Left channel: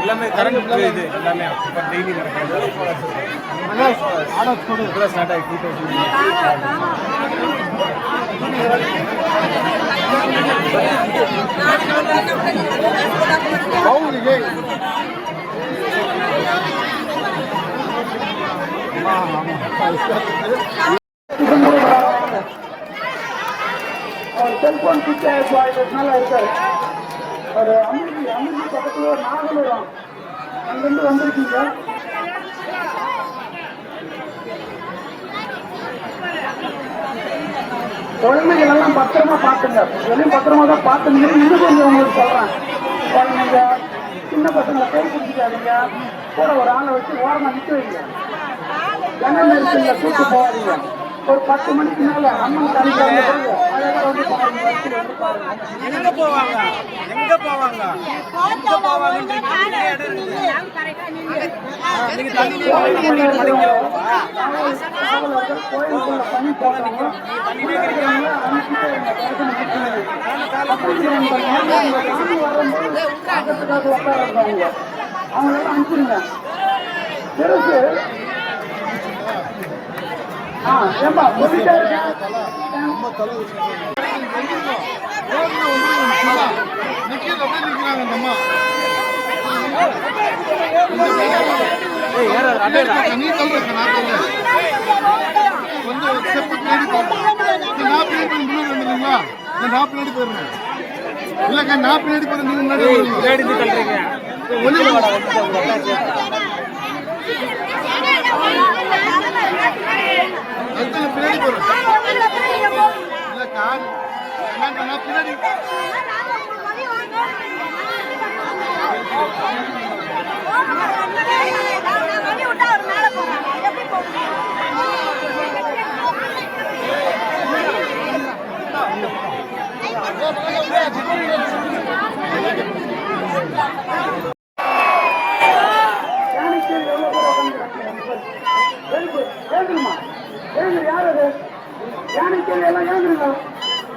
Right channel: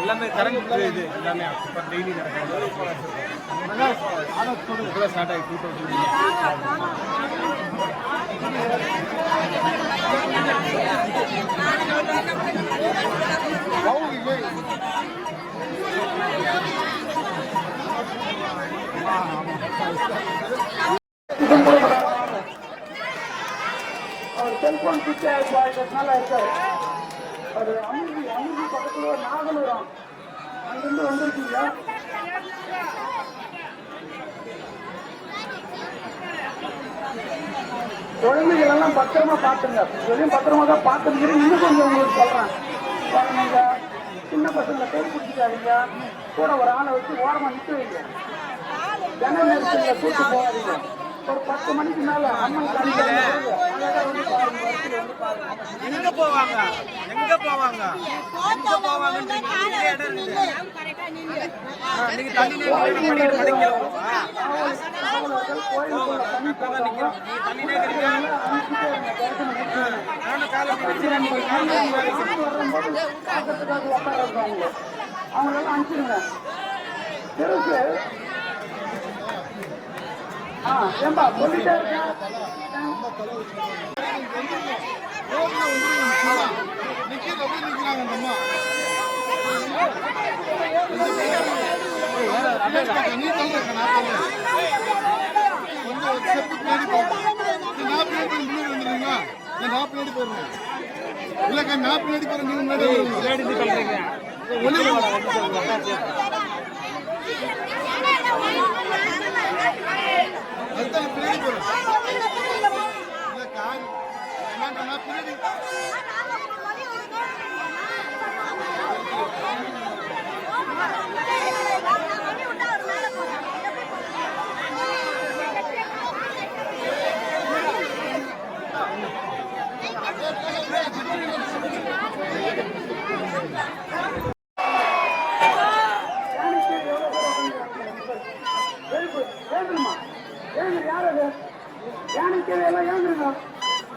எல்லாமே கரண்ட் இது எல்லாமே இப்போ டெய்லி நடக்கிறது ஸ்டார்ட் ஆகி 2000 செல்போன் சுவிட்ச் ஆகிடுறதுனால இருக்காரு. ஒரு அமிர்தி பக்கத்தில் ஒரு நாகலூரம் அங்கிருந்து வந்திருக்கீங்க. குழந்தைகள் எல்லாம் பத்திரமா பார்த்துங்க. எதையும் பத்திரமா தான் பார்த்துங்க. இன்னும் கொஞ்சம் உங்களுக்கு சொல்றேன். குழந்தைங்க சின்ன பசங்களை பேர் பிடிச்சிக்காதீங்க. கூட ஒரு ஆளை வச்சு ஓரமா நிற்க வைங்க. ஜன நெரிசல்ல கூட்டு போகாதீங்க. ஒரு 10 மணிக்கு மேல அண்ணன் தனிக்காக போங்க. எங்க போவாங்க எங்க போவாங்க அவங்க அனுப்பிடுங்க. பெருசு இல்லக்கா நான் பின்னாடி போறேன். நீங்க முன்னாடி பின்னாடி யாரது யானைக்கு எல்லாம் ஏங்கிருக்கா?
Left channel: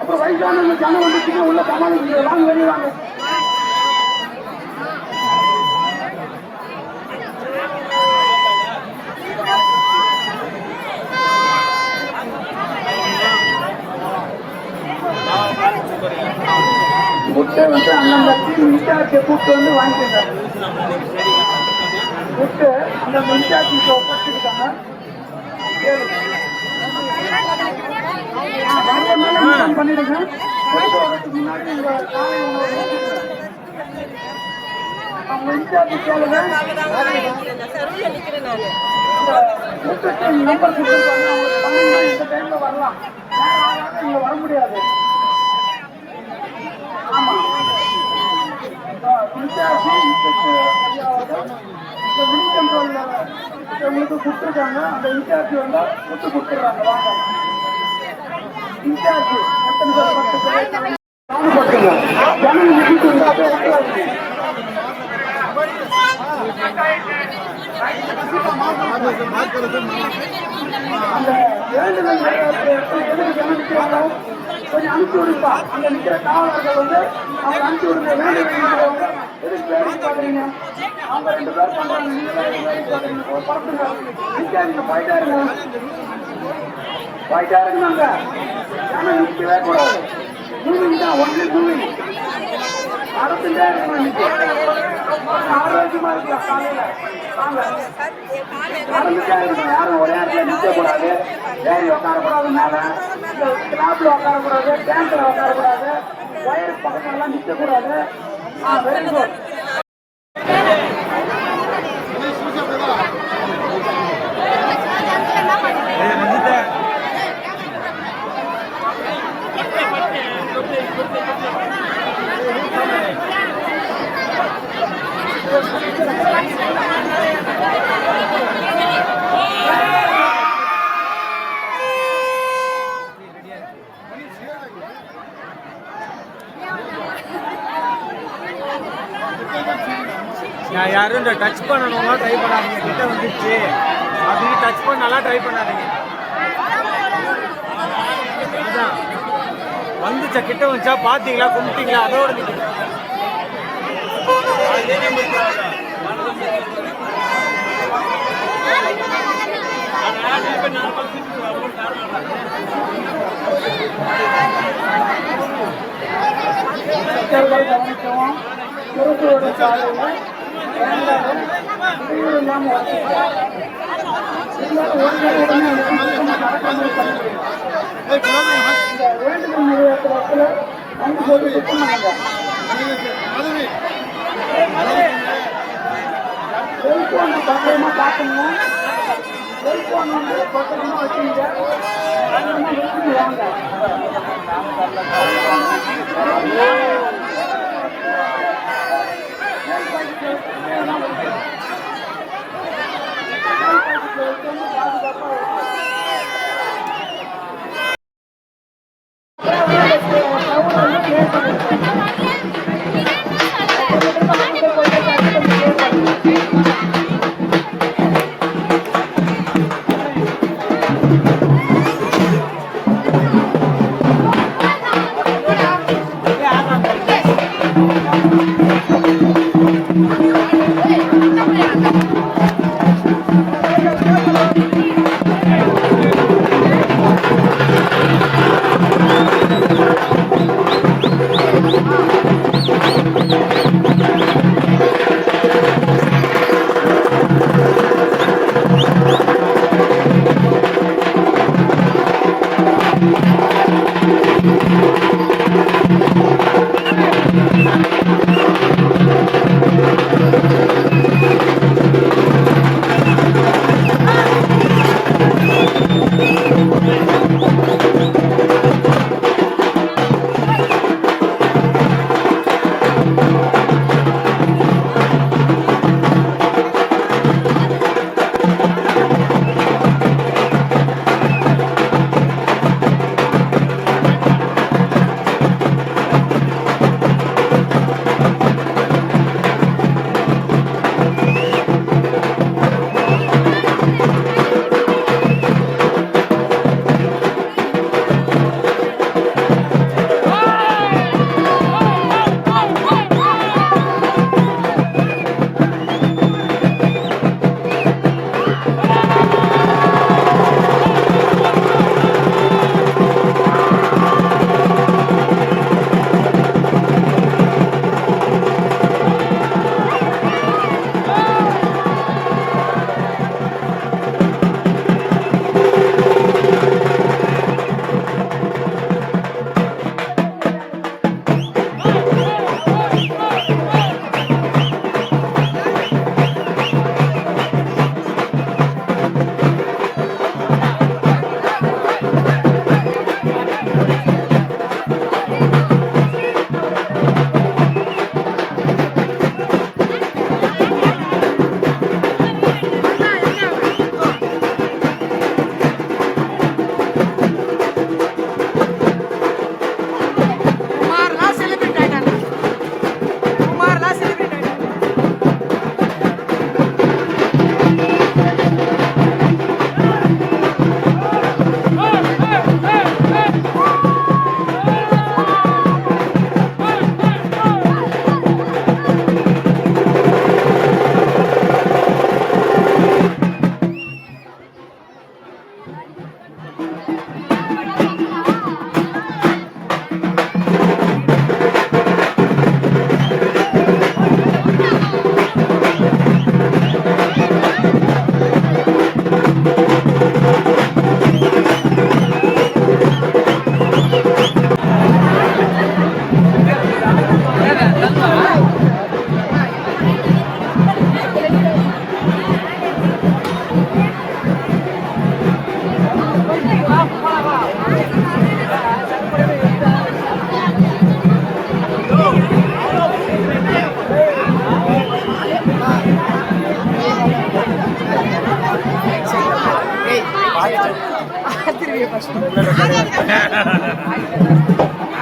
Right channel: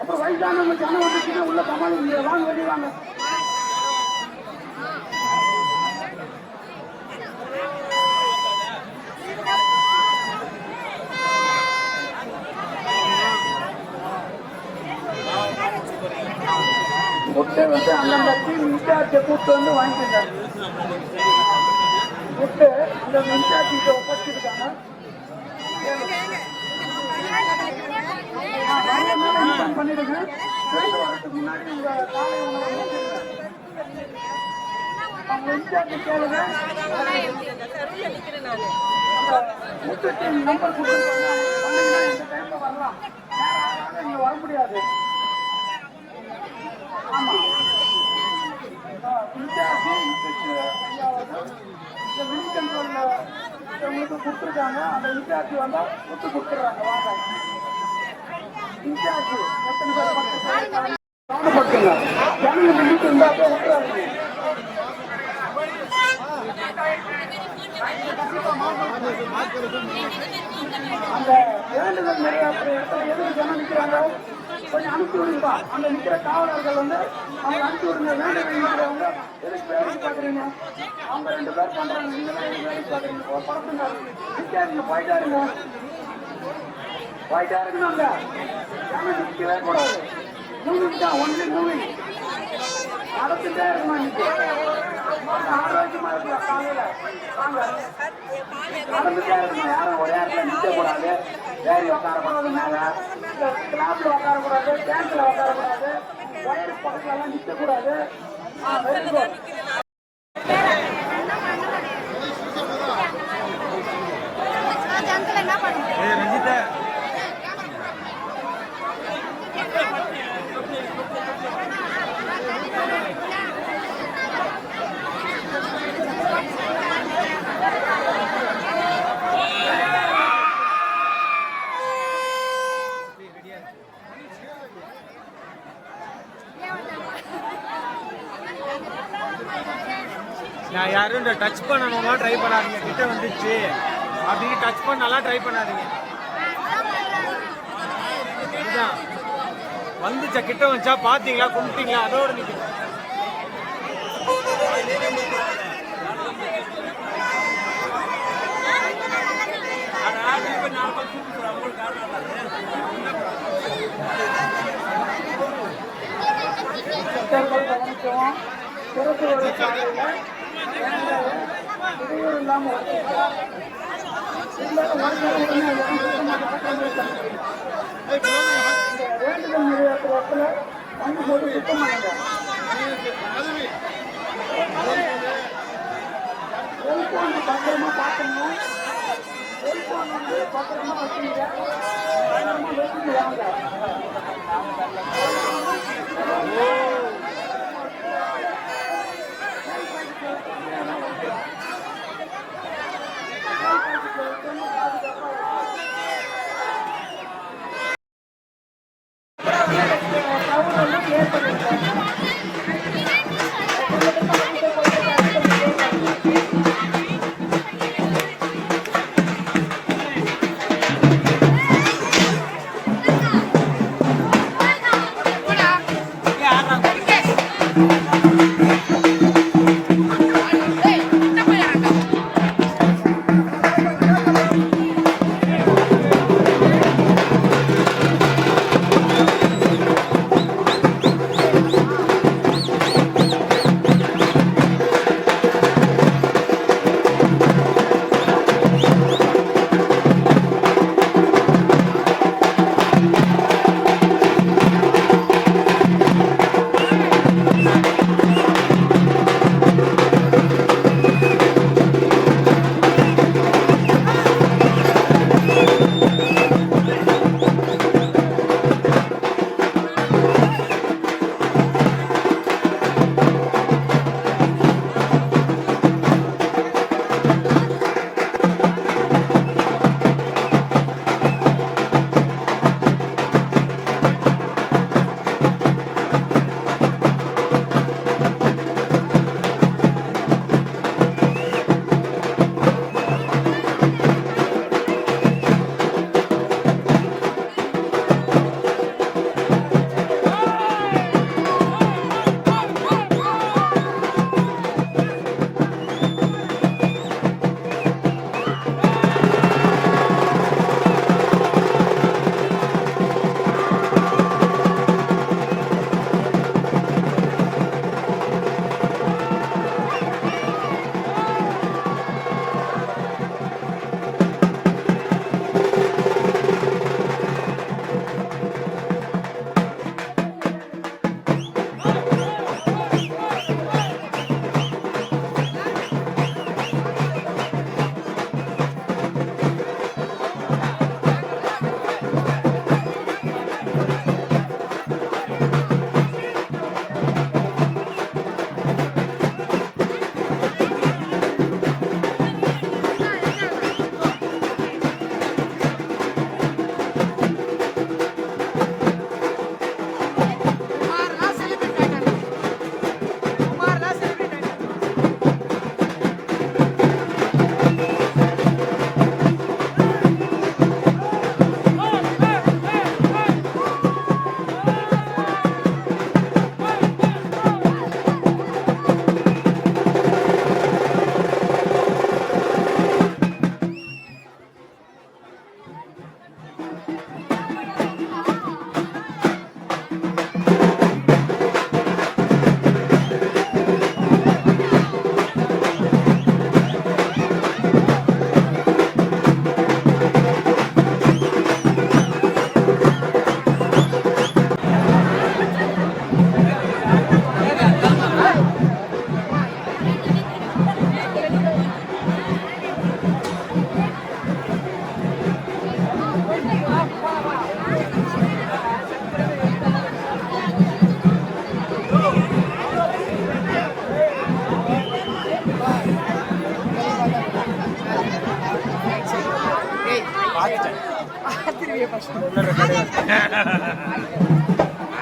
அப்ப வயசான ஜனம் வந்து உள்ள சமாளிக்க வாங்க வெளியாங்க. முட்டை வந்து அந்த மின்சாரத்தை கூப்பிட்டு வந்து வாங்கிட்டாங்க. முட்டை அந்த மின்சாரத்தை ஒப்படைச்சிருக்காங்க. பண்ணிடுங்க. வர முடியாது. உங்களுக்கு கொடுத்துருக்காங்க. அந்த இன்சார்ஜ் வந்தா கொடுத்து கொடுத்துருவாங்க. இன்சார்ஜ் எத்தனை பேர் 10 பேர் கொஞ்சம் அனுப்பி விடுப்பா. அங்க நிக்கிற காவலர்கள் வந்து அவங்க அனுப்பி விடுங்க. எதுக்கு வேலைக்கு பாக்குறீங்க? அவங்க 2 பேர் பண்றாங்க. நீங்க வேலைக்கு பாக்குறீங்க. ஒரு படத்துங்க நிக்காதீங்க. போயிட்டா இருங்க. போயிட்டா இருங்க. ஆனா நிக்கவே கூடாது. மூவிங் தான். Only moving. அடுத்துட்டே இருக்கணும். ஆரோக்கியமா இருக்கலாம். காலையில வாங்க நடந்துட்டே இருக்கணும். யாரும் ஒரே இடத்துல நிக்க கூடாது. ஏறி உட்காரக்கூடாது. மேல கிளாப்ல உட்காரக்கூடாது. டேங்க்ல உட்காரக்கூடாது. வயிறு பக்கமெல்லாம் நிக்க கூடாது. Very good. நான் யாரும் இந்த டச் பண்ணணும்னா ட்ரை பண்ணாதீங்க. கிட்ட வந்துச்சு அப்படின்னு டச் பண்ணாலாம் ட்ரை பண்ணாதீங்க. வந்துச்சா கிட்ட வந்துச்சா பாத்தீங்களா கும்பிட்டீங்களா அதோட நிக்கிறேன். கவனிக்கவும் திருப்பூர் சாலையில் இடையூறு இல்லாமல் வேண்டுதல் நிலையத்தில் வந்து சொல்லி சுத்தம் செல்போன் பத்திரமா பார்க்கணுங்க. செல்போன் வந்து பத்திரமா வச்சுங்க. எடுத்துட்டு வாங்க.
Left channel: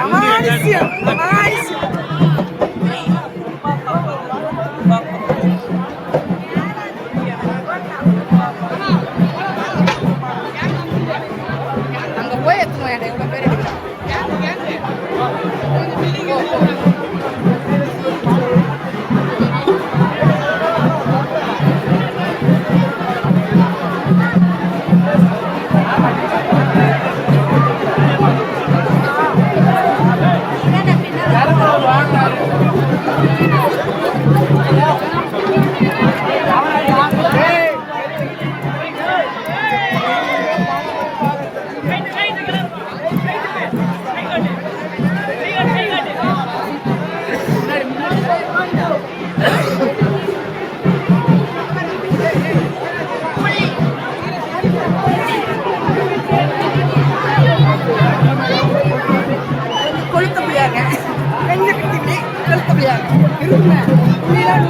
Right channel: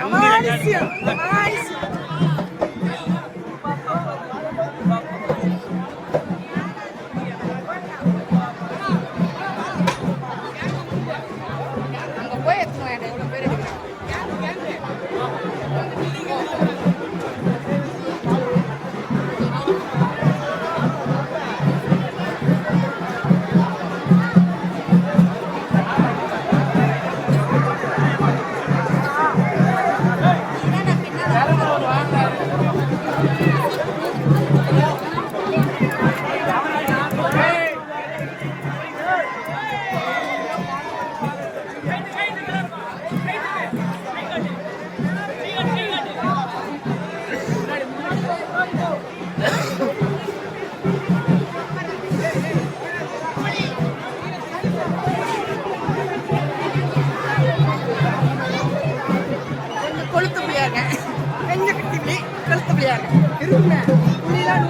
Amalícia! Amalícia! Ang gawa ito mo yan. போயிட்டு